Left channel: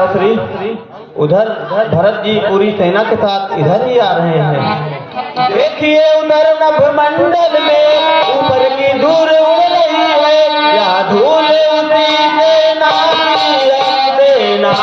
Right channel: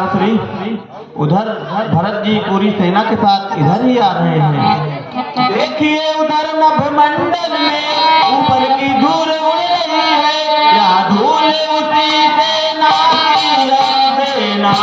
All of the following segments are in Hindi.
भ्राताश्री, उधर भरत जी पूरी सेना के साथ इधर ही आ रहे हैं। देखिए उधर नभमंडल में ऊपर की धूल उड़ रही है, या धूल उसी सेना की सेना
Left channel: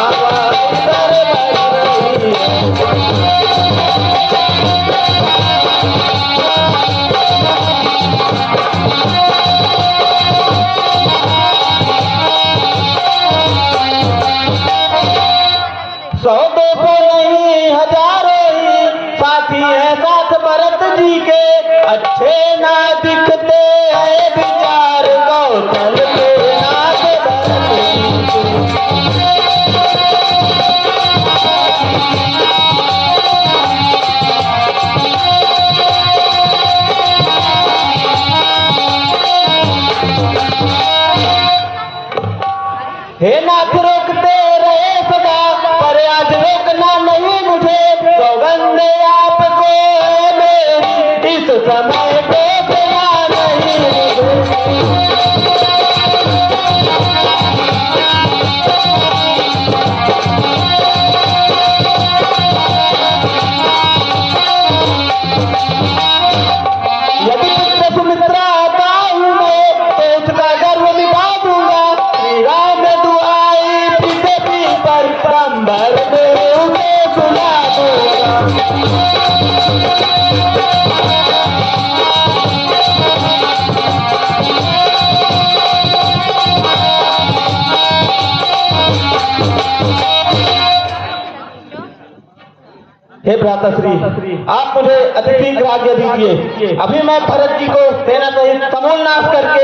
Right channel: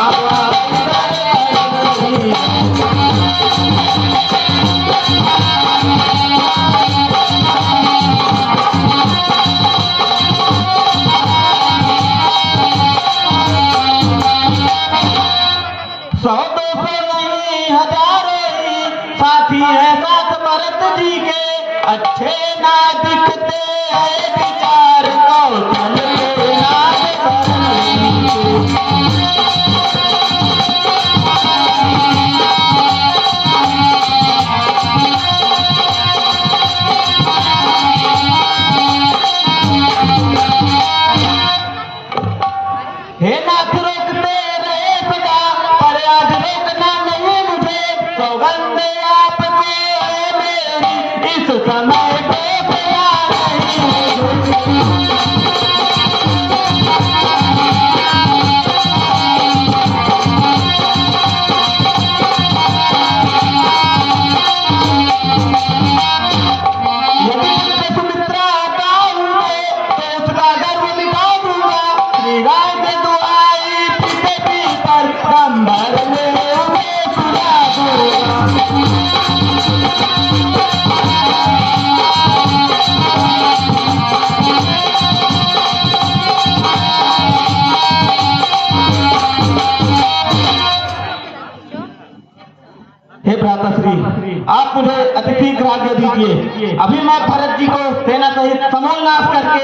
भ्राताश्री, आप मुझे अति शीघ्र आज्ञा दीजिए। अभी मैं भरत जी को सेना सहित समूल नाश करके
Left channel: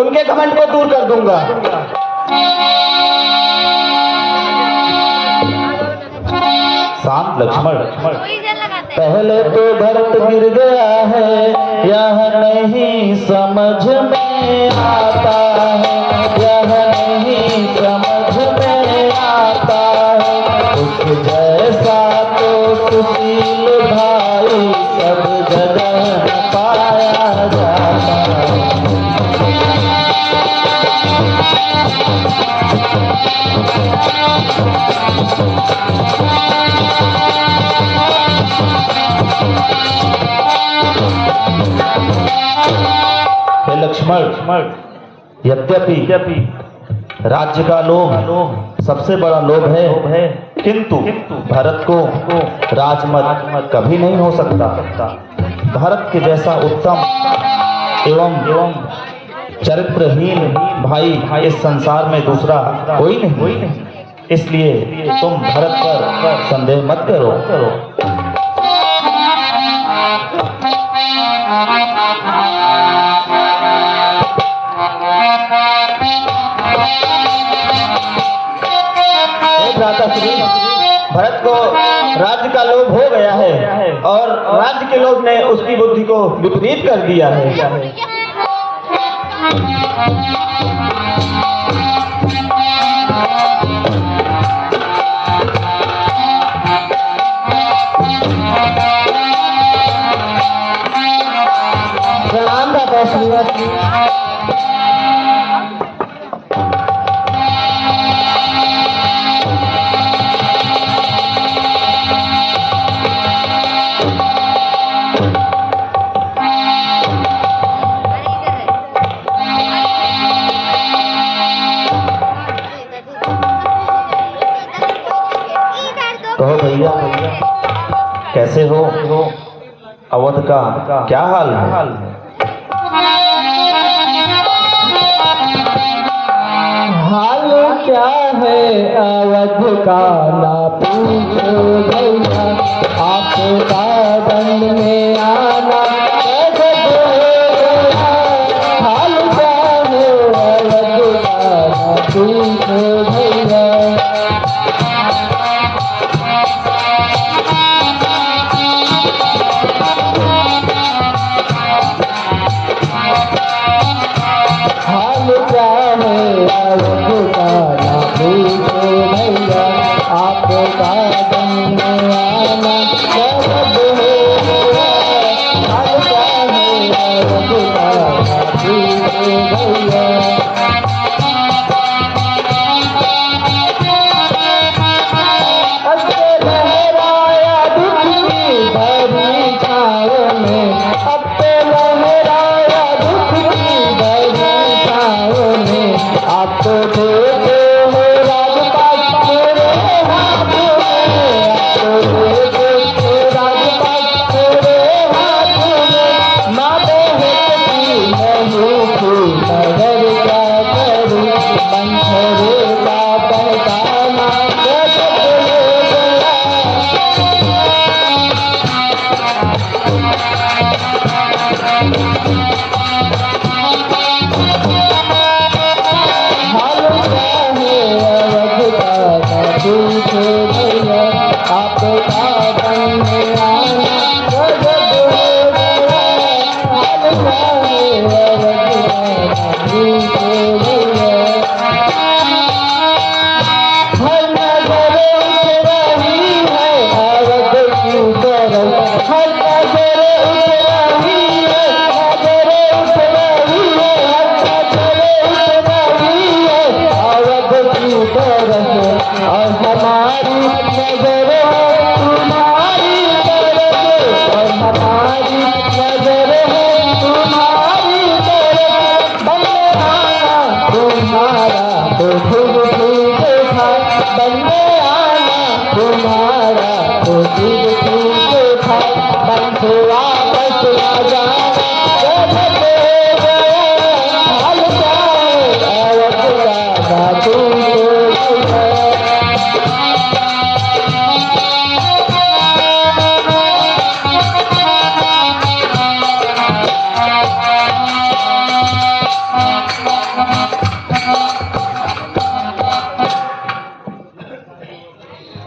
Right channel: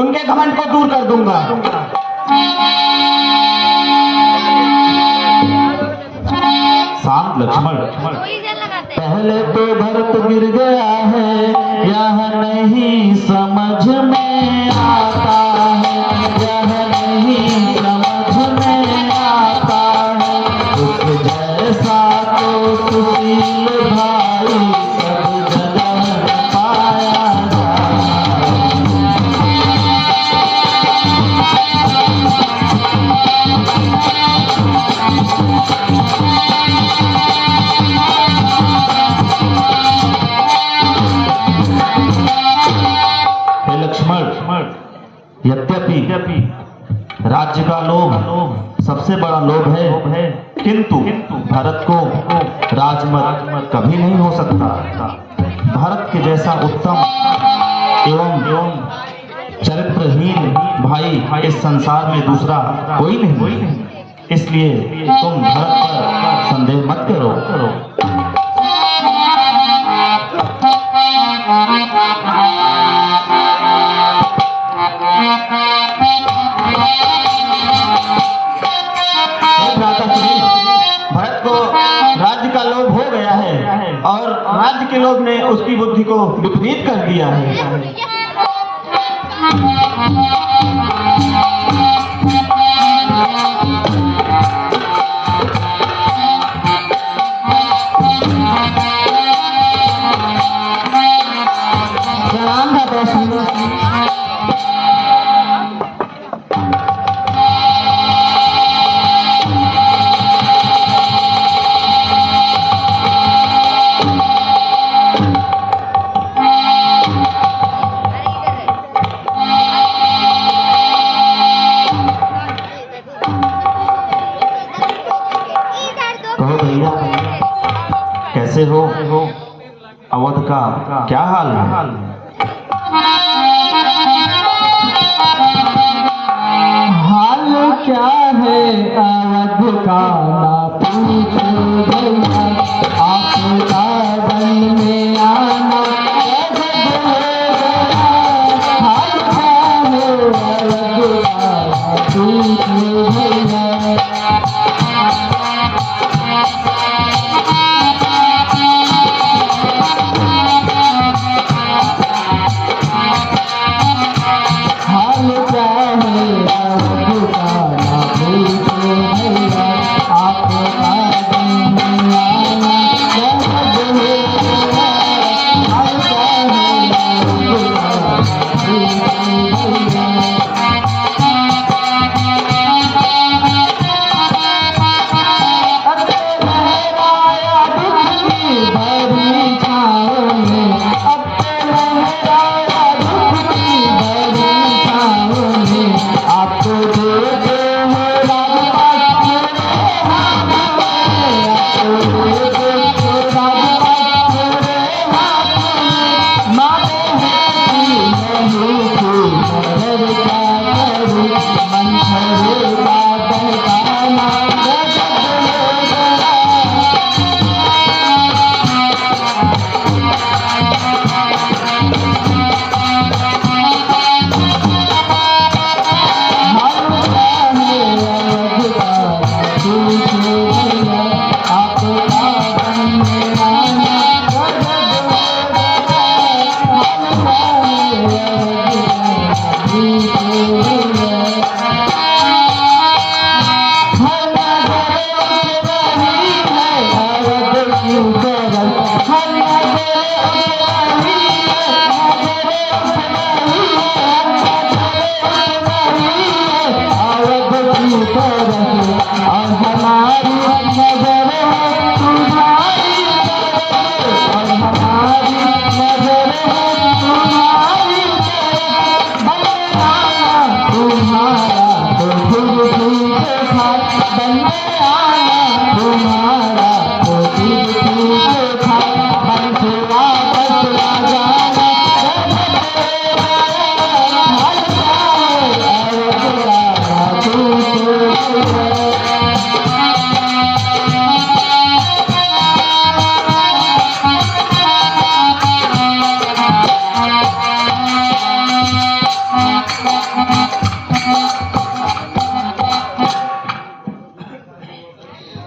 उनके घमंड को दूर कर दूंगा। शांत लक्ष्मण, पहले तो भरत गिर गया है, यह नहीं समझ में आता है, यह नहीं समझ में आता है। उस जैसा तो सुशील भाई सब जगह पाया जाता है। यद्यपि राज्य का लोभ सबसे बड़ा लोभ है, किंतु भरत को राजमत कभी नहीं हो सकता। भरत के जैसा उत्तम एवं चरित्रहीन भाई इस संसार में दूसरा कोई नहीं। इसलिए तुम भरत पर संदेह मत करो। भरत को राज्य का लोभ हो गया है और राज्य के लोभ ने उसकी बुद्धि को विपरीत कर दिया है। कैसे हो? अवध का क्या हाल है? हाल क्या है अवध का ना पूछो भैया, आपका बनने आना हाल क्या है अवध का ना पूछो भैया। झूठे भैया आपका बनने आना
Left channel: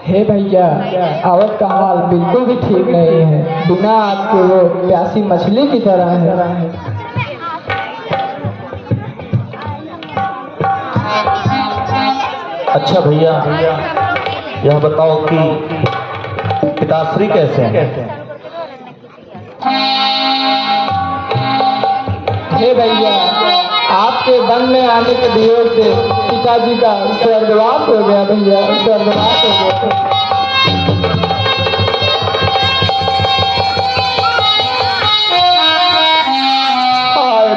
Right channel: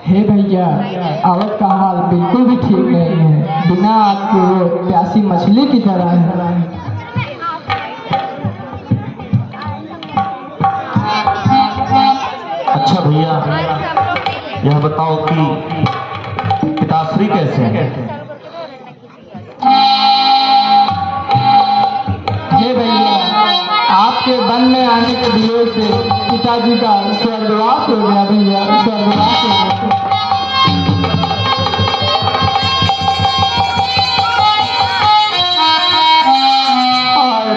हे भैया औरत का हाल बिल्कुल भी ठीक नहीं है, बिना आपके वो प्यासी मछली की तरह है। अच्छा भैया, यह बताओ कि पिताश्री कैसे हैं? हे भैया, आपके वन में आने के वियोग से पिताजी का स्वर्गवास हो गया भैया, स्वर्गवास हो गया।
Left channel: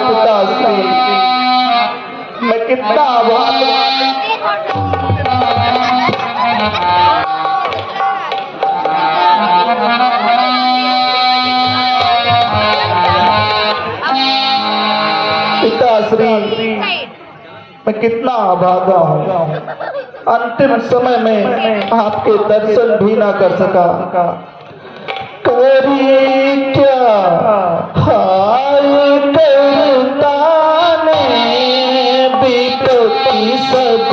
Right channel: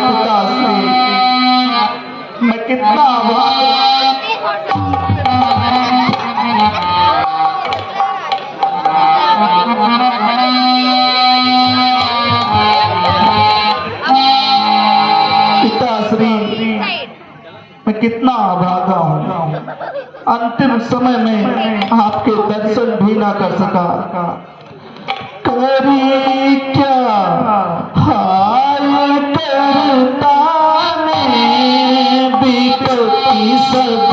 पिताश्री, मैं कितना आभार मैं कितना अभागा हूँ, अंतिम समय में आपके दर्शन भी ना कर सका। करी क्या हाय करता ने बीतती सब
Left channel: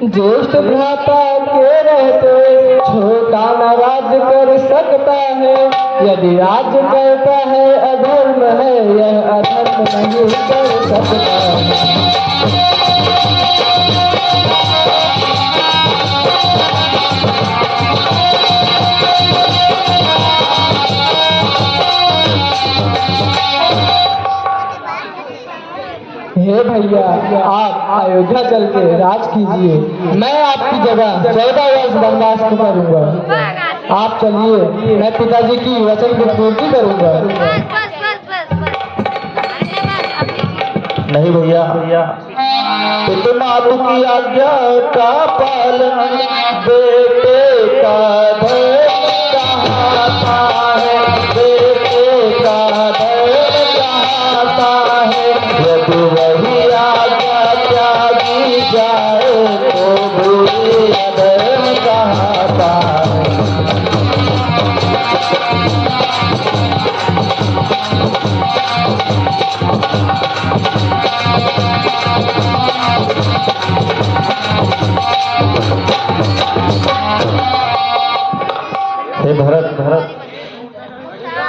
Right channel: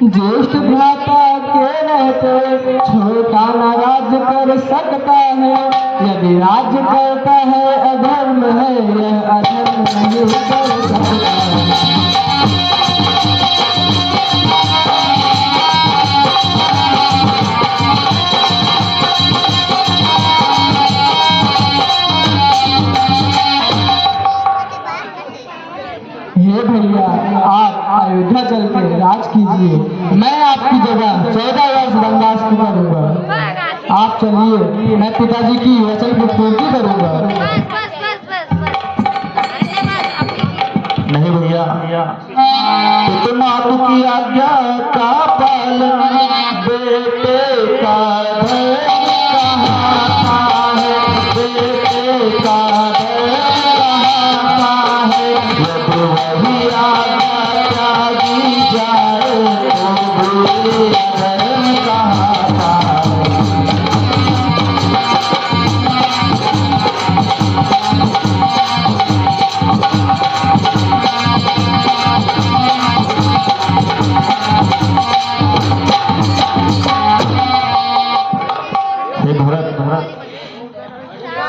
ज्येष्ठ भ्राता के रहते छोटा न राज कर सकता है, यदि राज करता है अधर्म है, यह अधर्म नहीं कर सकता है। हे भैया, अयोध्या चल के राज कीजिए। मैं आपकी जगह 14 वर्ष वनवास करूंगा। आप चलिए, मैं पिताजी की वचन की पूर्ति करूंगा। नहीं भैया, मातु की आज्ञा का पालन बेटे का धर्म कहाता है, बेटे का धर्म कहाता है। यदि वही आज्ञा त्यागी जाए तो भी अधर्म कहाता है।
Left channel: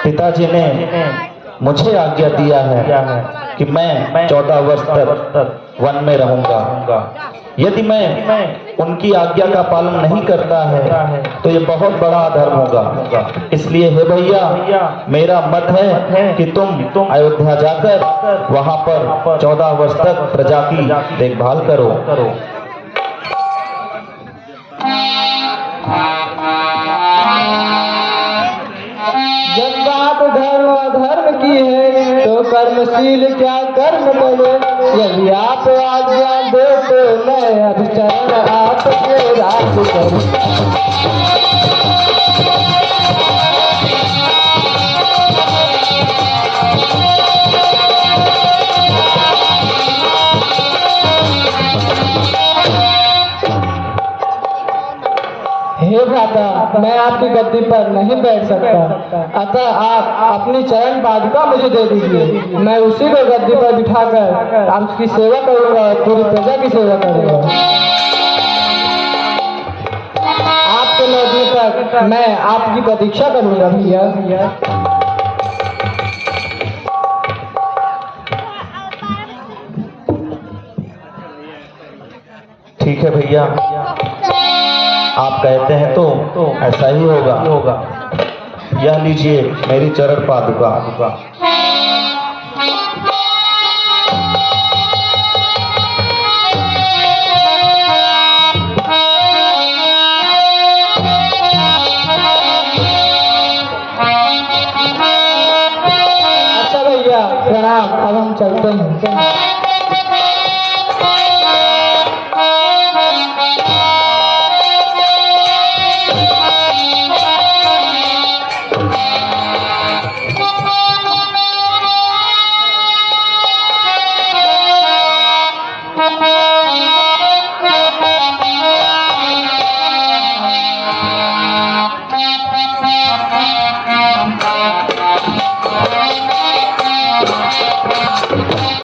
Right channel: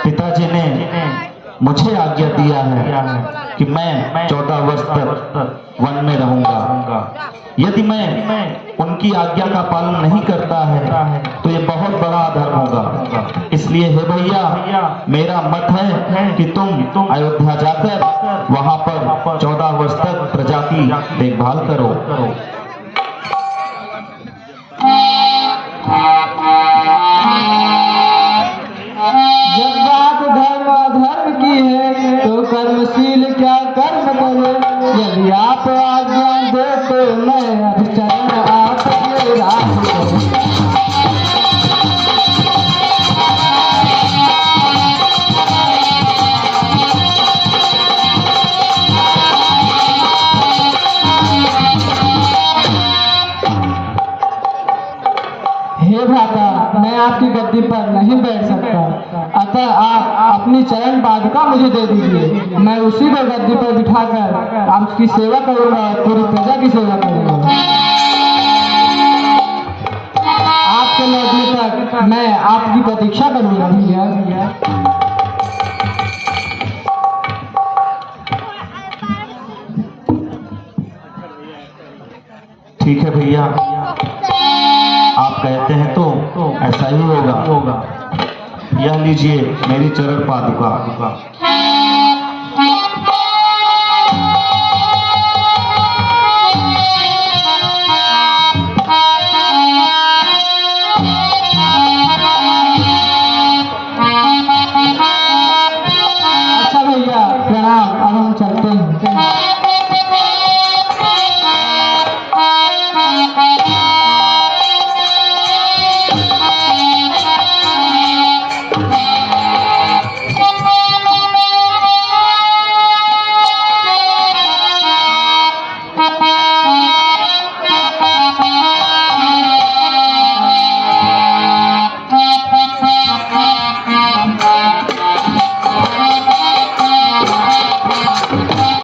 पिताजी ने मुझे आज्ञा दिया है कि मैं 14 वर्ष तक वन में रहूंगा। यदि मैं उनकी आज्ञा का पालन नहीं करता है तो ये बहुत बड़ा अधर्म होगा। इसलिए हे भैया, मेरा मत है कि तुम अयोध्या जाकर वहां पर 14 वर्ष तक प्रजा की देखभाल करो। तो कर्मशील क्या कर्म करे। यदि आप आज्ञा दे तो मैं अब चरण आपके राज करूं। हे भ्राता, मैं आपकी गद्दी पर नहीं बैठ सकता, अतः आप अपनी चरण पादुका मुझे दे दीजिए। मैं उसी को गद्दी पर बिठाकर आपकी सेवा करूंगा, पूरी प्रजा की सेवा करूंगा। आपके लौटने तक मैं आपकी प्रतीक्षा करूंगा भैया। ठीक है भैया, आप कहते हैं तो ऐसा ही होगा। यह लीजिए मेरी चरण पादुका।